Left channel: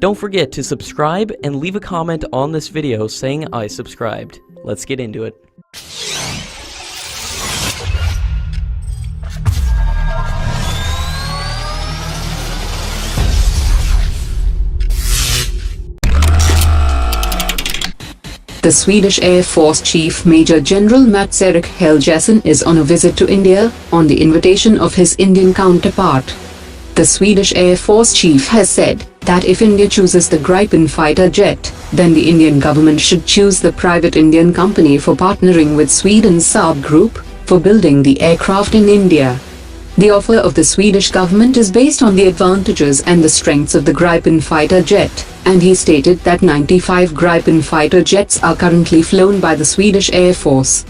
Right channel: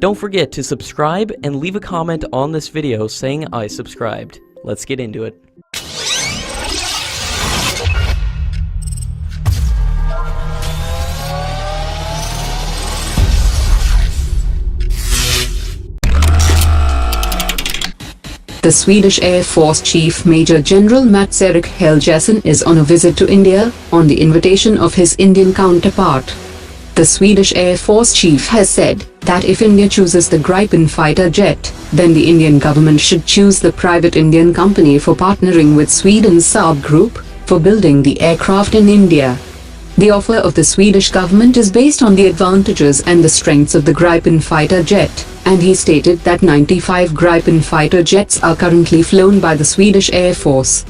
Don't forget to subscribe and leave a comment on this video saying I subscribed. Let's get into it. The Swedish Air Force Chief Major General Mats-Erik Helgesson is on a visit to India, on the invitation of his Indian counterpart. The Swedish Air Force Chief has said that if India chooses the Gripen fighter jet, then the Indian government should choose the private Indian company for partnering with Sweden's Saab Group for building the aircraft in India. The offer of the Swedish government is based on the advantages and the strengths of the Gripen fighter jet, and he stated that 95 Gripen fighter jets are currently flown by the Swedish Air Force.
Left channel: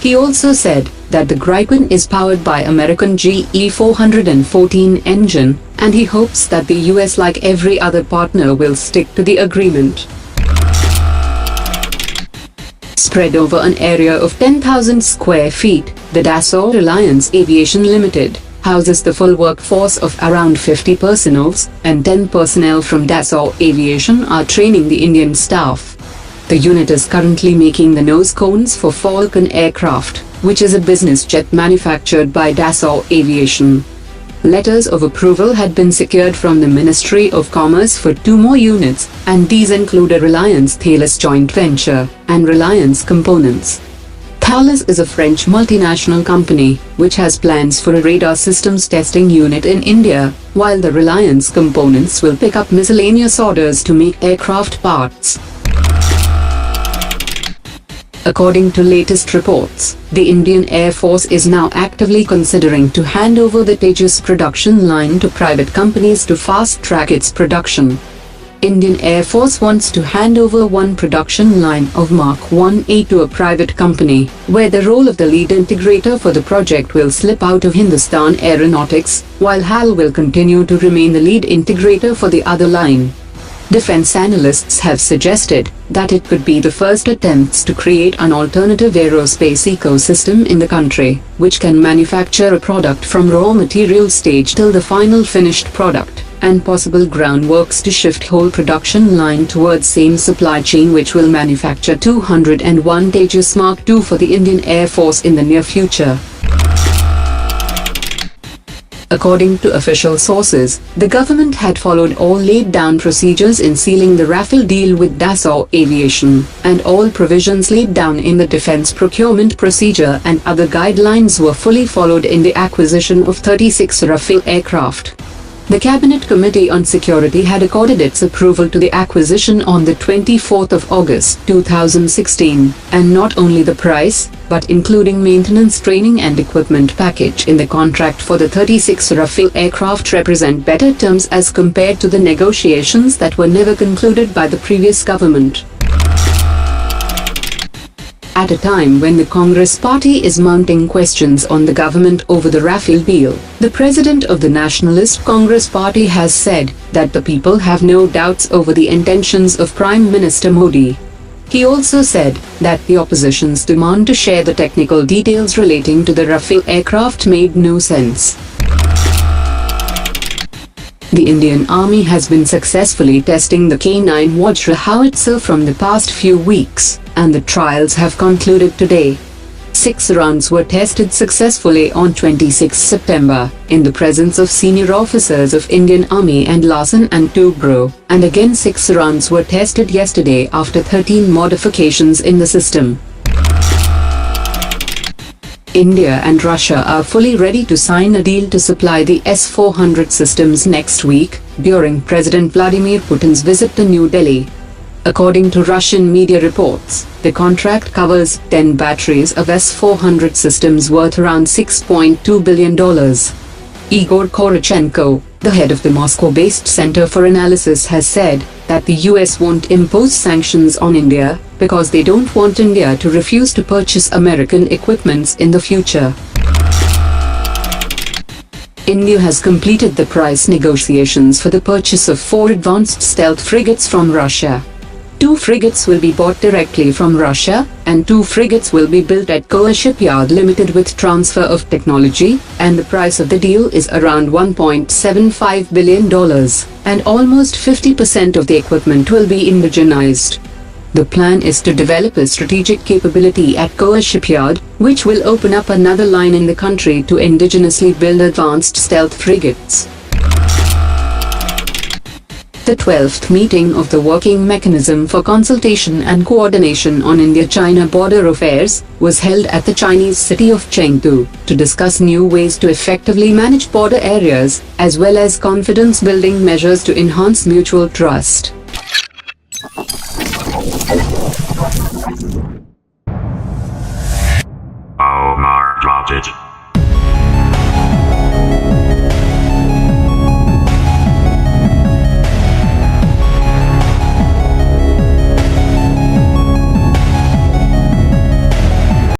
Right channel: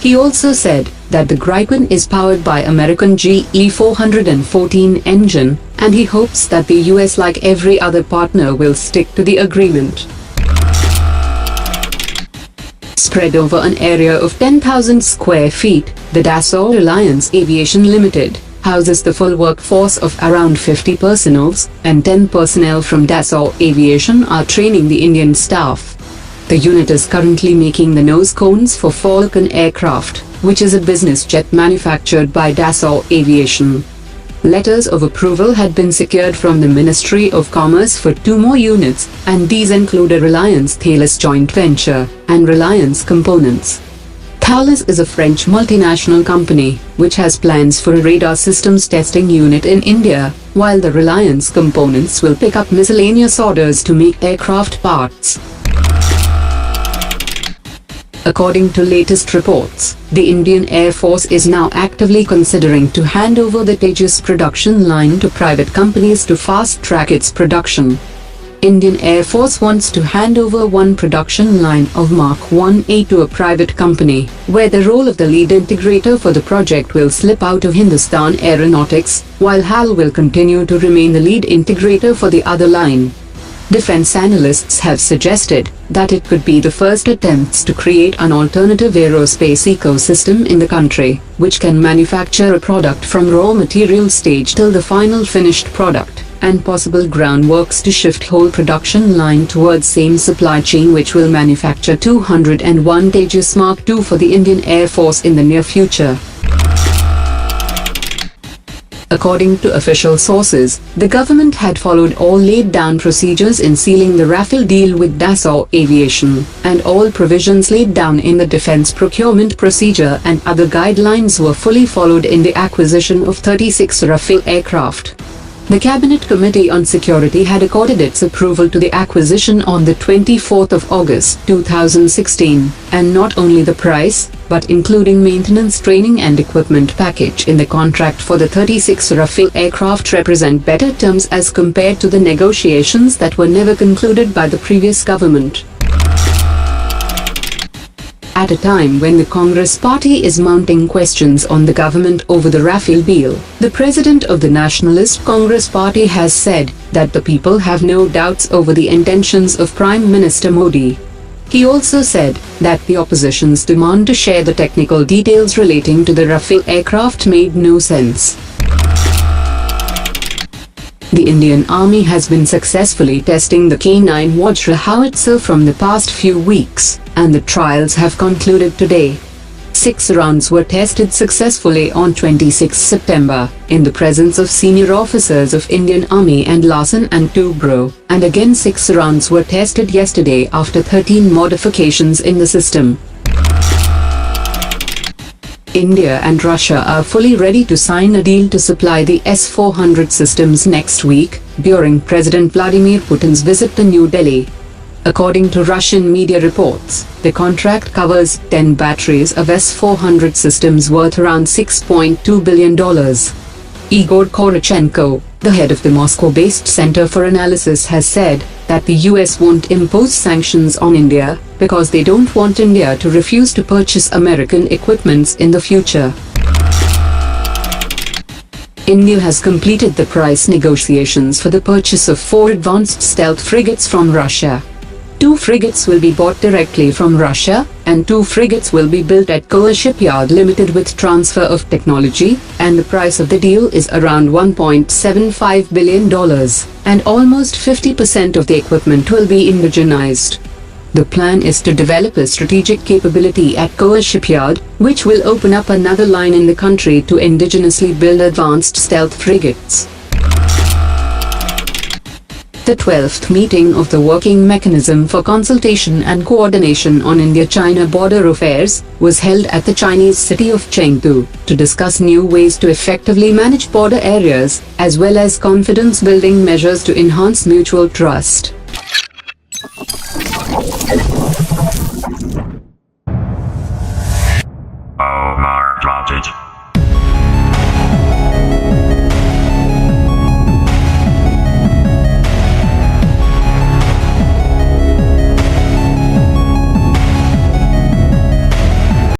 He also said that the Gripen is powered by American GE 414 engine, and he hopes that the US, like every other partner, will stick to the agreement. Spread over an area of 10,000 square feet, the Dassault Alliance Aviation Limited houses the full workforce of around 50 personnel, and 10 personnel from Dassault Aviation are training the Indian staff. The unit is currently making the nose cones for Falcon aircraft, which is a business jet manufactured by Dassault Aviation. Letters of approval had been secured from the Ministry of Commerce for 2 more units, and these include a Reliance Thales joint venture and Reliance Components. Thales is a French multinational company, which has plans for a radar systems testing unit in India, while the Reliance Components will pick up miscellaneous orders to make aircraft parts. According to latest reports, the Indian Air Force is now actively considering to hand over the Tejas production line to private companies to fast-track its production. Indian Air Force wants to hand over one production line of Mark 1A to a private company, where the role of the lead integrator for the project will slip out of Hindustan Aeronautics, while HAL will continue to remain the lead integrator for the other line. Defense analysts have suggested that it could be the first attempts to create an alternative aerospace ecosystem in the country, which can manufacture a product from raw material stage till the final finished product, and possible groundworks to shift whole production line towards same supply chain, which will manufacture 201 Tejas Mark II for the Indian Air Force in the near future. According to official sources, the government had followed all laid-down procedures in sealing the Rafale deal with Dassault Aviation, and all provisions laid down in the defense procurement procedure and other guidelines were fully followed in the acquisition of 36 Rafale aircraft. The Cabinet Committee on Security had accorded its approval to the acquisition on the 24th of August 2016, and not only the price, but including maintenance, training and equipment package in the contract for the 36 Rafale aircraft represent better terms as compared to the negotiations that were never concluded by the previous government. At a time when the Congress party is mounting questions on the government over the Rafale deal, the president of the Nationalist Congress Party has said that the people have no doubts over the intentions of Prime Minister Modi. He also said that the opposition's demand to share the technical details relating to the Rafale aircraft made no sense. The Indian Army has been successfully testing the K9 Vajra howitzer from the past few weeks, and the trials have concluded today. 6 rounds were tested successfully on 26 September, in the presence of senior officers of Indian Army and Larsen & Toubro, and again 6 rounds were tested yesterday after 13 modifications in the system. India and Russia are fully ready to sign a deal to supply the S-400 systems next week, during President Vladimir Putin's visit to New Delhi. According to Russian media reports, the contract covers 10 batteries of S-400 systems worth around $6.2 billion. Igor Korochenko, the head of the Moscow-based Center for Analysis, has said that the US won't impose sanctions on India because they don't want India to refuse to purchase American equipments in the future. India has completed the price negotiations for the purchase of 4 advanced stealth frigates from Russia. 2 frigates will be bought directly from Russia, and 2 frigates will be built at Korea Shipyard Limited with transfer of technology, and the price of the deal is around $1.75 billion, and almost 50% of the equipment will be indigenized. The plan is to develop a strategic capability at Korea Shipyard, which will open up another line in the country to indigenously build advanced stealth frigates. The 12th meeting of the Working Mechanism for Consultation and Coordination on India-China Border Affairs was held at the Chinese city of Chengdu to discuss new ways to effectively manage border areas, as well as confidence-building measures to enhance mutual trust.